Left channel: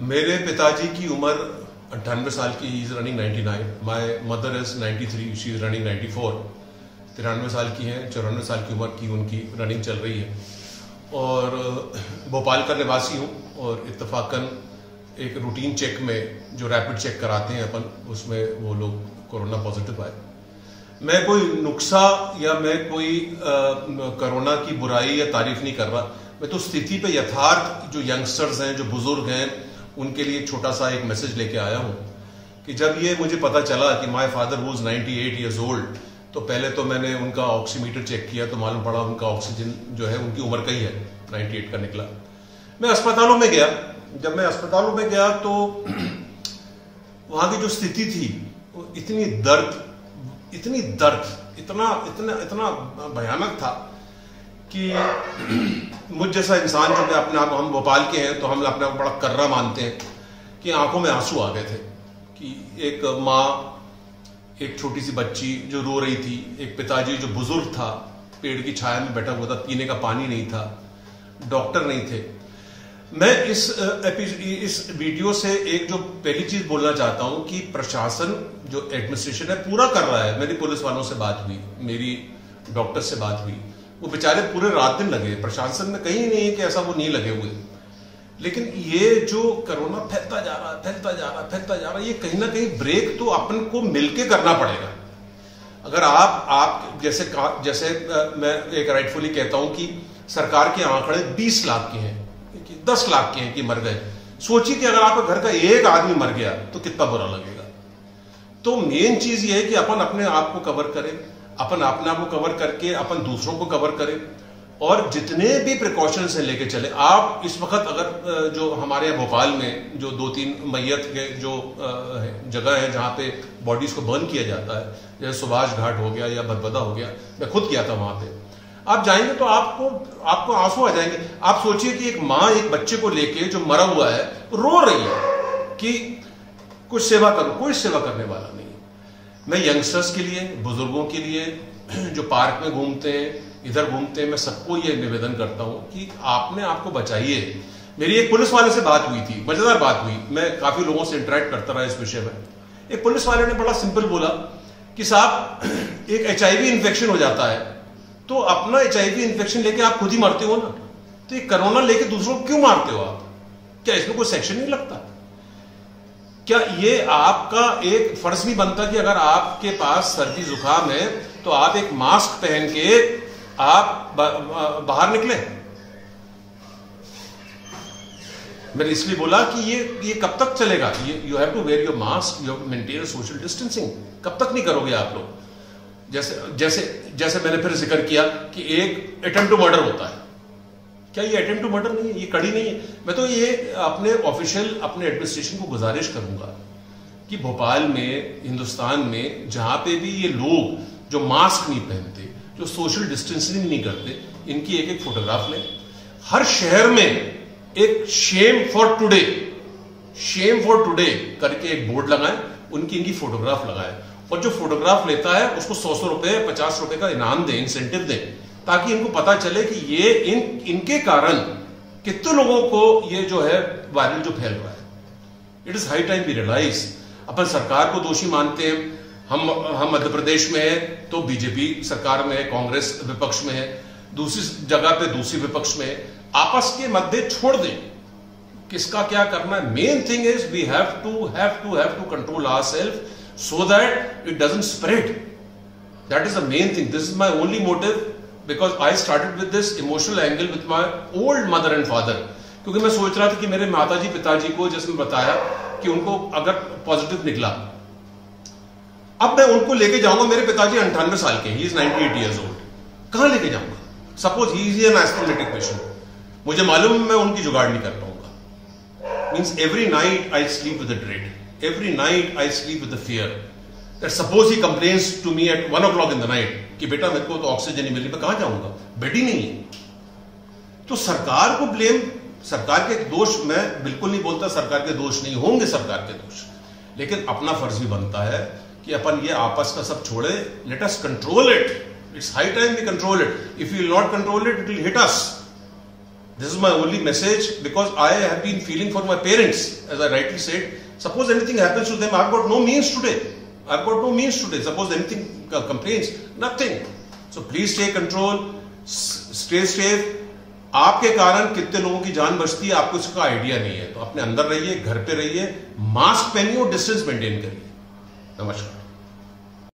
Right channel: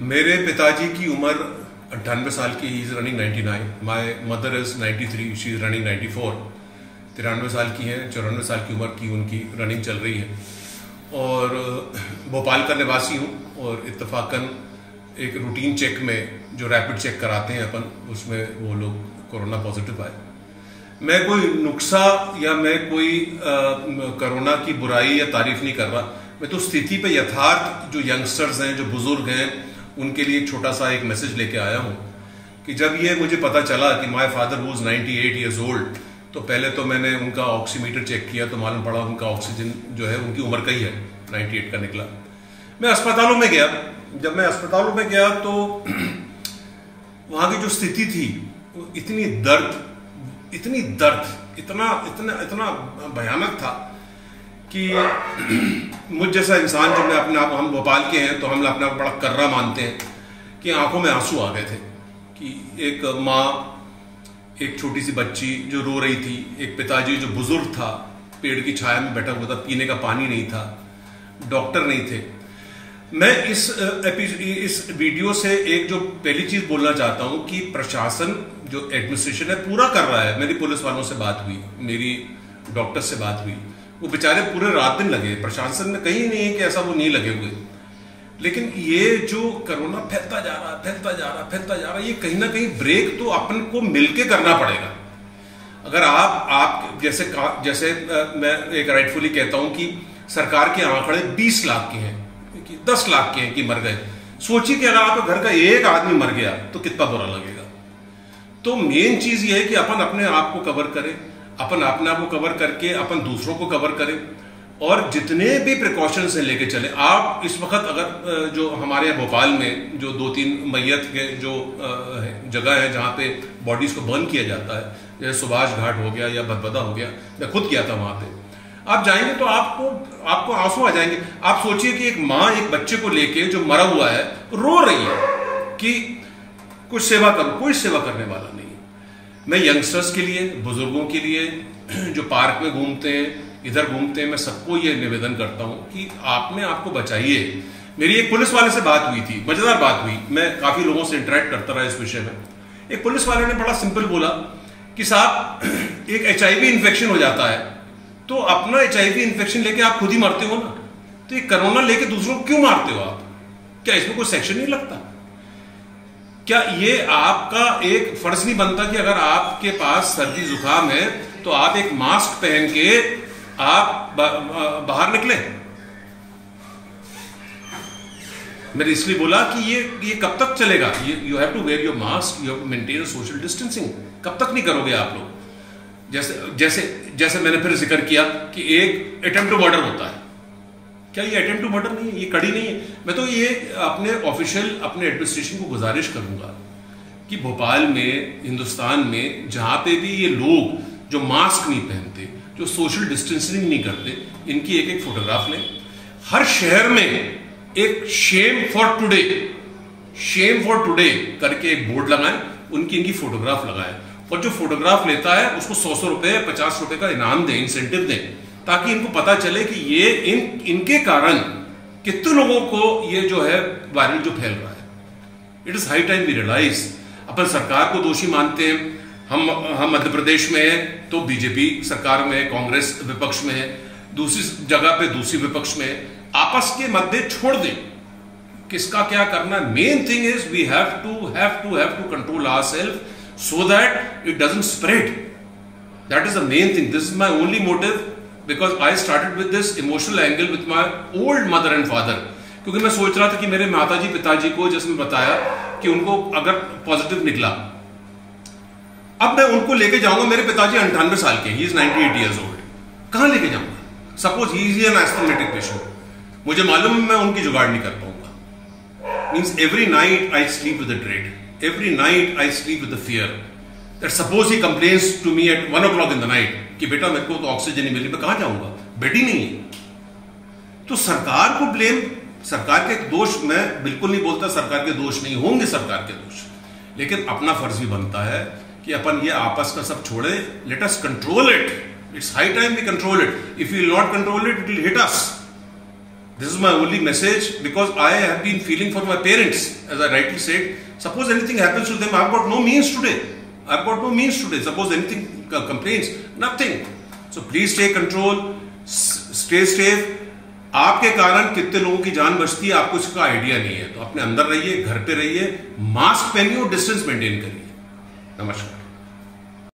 मेरे पिताजी की उम्र 98 साल की, he is running 99। My mother is 93, she is running 94। 93 साल की हैं, 94 साल की उम्र की उनकी रनिंग चल रही है। और भोपाल का निवासी हूँ और इत्तेफाकन एक रूटीन चेक में जो रैपिड चेक कराते हैं अपन, उसमें वो लोग कोरोना पॉजिटिव आए। मैं कोई नुक्सा या मैं कोई कोरोना की बुराई या तारीफ नहीं कर रहा। मैं तो स्थिति पे यथार्थ जो यंगस्टर्स हैं, जो बुजुर्ग हैं, उनके लिए छोटा सा एक मैसेज लेके आया हूं कि जब ये मुझे पता चला कि my father was 98 years old, तो पहले तो मैंने उनका ऑक्सीमीटर चेक किया तो मालूम पड़ा उनका ऑक्सीजन जो है उनकी उम्र का ही है, 98 का निकला। मैं अस्पतालों में गया। जब मैं अस्पतालों में गया तो वहां की जो स्थिति थी वो इतनी दर्द, इतना भयानक था कि मुझ जैसा इंसान, जो मैं अपने आप, हम भोपाल के हैं तो हम अपने आप बड़ा कर्रा मानते हैं, कि आंखों में आंसू आ गए थे कि एक माँ, एक छोटी सी बच्ची जो रो रही थी, एक पिताजी जो बुजुर्ग था, पेड़ की छाया में बैठा हुआ था, पीने का पानी नहीं था, डॉक्टर नहीं थे। मैं इस वीडियो से एक जो पहली चीज बोलना चाहता हूं कि प्रशासन जो एडमिनिस्ट्रेशन है पूरा कर रहा है। मेरी पुलिस वालों से बात हुई, मेरी डॉक्टर से बात हुई, वो बेचारे पूरे रात दिन लगे। प्रशासन में कहीं नहीं है कि ऐसा वो नहीं लगे हुए, लेकिन ये जो कोरोना फैलता जा रहा है, ये कहीं ना कहीं ब्रेक तो अपन को मिलके करना पड़ेगा। अगर आप जैसे मैं एक राइटफुली कहता हूं कि सरकार के आंकड़े 20 लाख के हैं, 10 लाख के हैं कि मर गए। सोचिए कि अगर आपके घर का एक आदमी मर गया तो कितना बुरा लगेगा। तो मेन चीज ये है कि अपन अपने आप को कवर करें, अपन अपने आप को कवर करके अपन दूसरों को कवर करें, और जितने भी प्रिकॉशंस हैं लेके चले। आप इस वक्त अगर जो हमारे यहाँ भोपाल में जो 2-3 मैयत के जो जगह है जहां पे बॉडीज को बर्न किया जाता है, जैसे सुभाष घाट हो गया या भदभदा हो गया, मैं खुद गया था वहां पे। आप जाएंगे तो आपको आंसू आ जाएंगे। आप सोचिए कि एक माँ एक बच्चे को लेके जो मरा हुआ है रो रही है कि कुछ सेवा करो, कोई सेवा करने वाला नहीं है। मैं यंगस्टर्स के लिए, बुजुर्गों के लिए, जो पार्क में घूमते हैं, इधर घूमते हैं, मैं सबको ये निवेदन करता हूं कि आपने आपको बचाइए। मेरी एक पुलिस वाले से बात हुई थी, मजेदार बात हुई। मैं काफी लोगों से इंटरेक्ट करता रहा इस विषय में। एक पुलिस वाले ने बड़ा सिंपल बोला कि साहब, एक HIV इन्फेक्शन हो जाता है तो अपना HIV इन्फेक्शन लेके आप खुद ही मरते हो ना, तो ये कोरोना लेके दूसरों को क्यों मारते हो आप? क्या इसमें कोई सेक्शन नहीं लगता? क्या ये आपका एक फर्ज नहीं बनता कि अगर आपके पास सर्दी जुकाम है तो आप एक मास्क पहन के आप बाहर निकले? मैंने इसलिए बोला कि ये कब तक चलेगा? You have to wear your mask, you have to maintain social distancing. कब तक नहीं करोगे आप लोग? जैसे मैंने फिर जिक्र किया कि एक अटेम्प्ट टू मर्डर होता है। क्या ये अटेम्प्ट टू मर्डर नहीं है? ये कड़ी नहीं है? मैं तो ये अपने ऑफिशियल, अपने एडमिनिस्ट्रेशन को गुजारिश करूंगा कि भोपाल में, हिंदुस्तान में जहां पे भी ये लोग जो मास्क नहीं पहनते, जो सोशल डिस्टेंसिंग नहीं करते, इनकी एक एक फोटोग्राफ लें। हर शहर में एक शेम फॉर टुडे करके एक बोर्ड लगाएं, इनकी फोटोग्राफ लगाएं, और जो फोटोग्राफ लेता है उसको 100 रुपए, 50 रुपए का इनाम दें, इंसेंटिव दें, ताकि इनको पता चले कि ये इनके कारण कितने लोगों को ये जो है वायरस जो फैल रहा है। It is high time we realise. अपन सरकार को दोषी मानते हैं, हम मध्य प्रदेश में है तो बीजेपी सरकार में है, कांग्रेस विपक्ष में है, दूसरी जगह पे दूसरी विपक्ष में है। आपस के मध्य छोड़ दें, किसका क्या करना है। Main thing is we have to control ourselves so that it doesn't spread. That is the main thing. This is my only motive, because I started with this emotional angle with my old mother and father. क्योंकि मैं सोच रहा था कि मेरे माताजी पिताजी को, जैसे मैं बताया कि उनको अगर पॉजिटिव निकला, अब मैं उनको लेके जाऊंगा। मेरे पिताजी 98 साल के, ही इज 98 years old. कहां लेके जाऊंगा? Suppose he is an asthmatic patient, मुझे मालूम है मैं उनकी जुगाड़ नहीं कर पाऊंगा। Means every night I sleep with dread, every night I sleep with the fear that suppose he complains to me at 1 o'clock in the night कि बेटा मेरे को तो ऑक्सीजन नहीं मिल रही, मैं कहां जाऊंगा? बेड ही नहीं है। तो सरकार को ब्लेम, सरकार के दोष मैं बिल्कुल नहीं बोलता, सरकार के दोष नहीं होंगे, सरकार के दोष, लेकिन अपना फर्ज भी बनता है कि अपन ये आपस का सब छोड़े। Let us control it. It's high time we control it. If you will not control it, it will hit us. This is my only message, because I have been feeling for my parents, as I rightly said. Suppose anything happens to them, I've got no means today. Suppose anything complains, nothing. So please take control, stay safe. आपके कारण कितने लोगों की जान बचती है आपको इसका आइडिया नहीं है। तो अपने अंदर रहिए, घर पे रहिए, मास्क पहनिए और डिस्टेंस मेंटेन करिए। नमस्कार।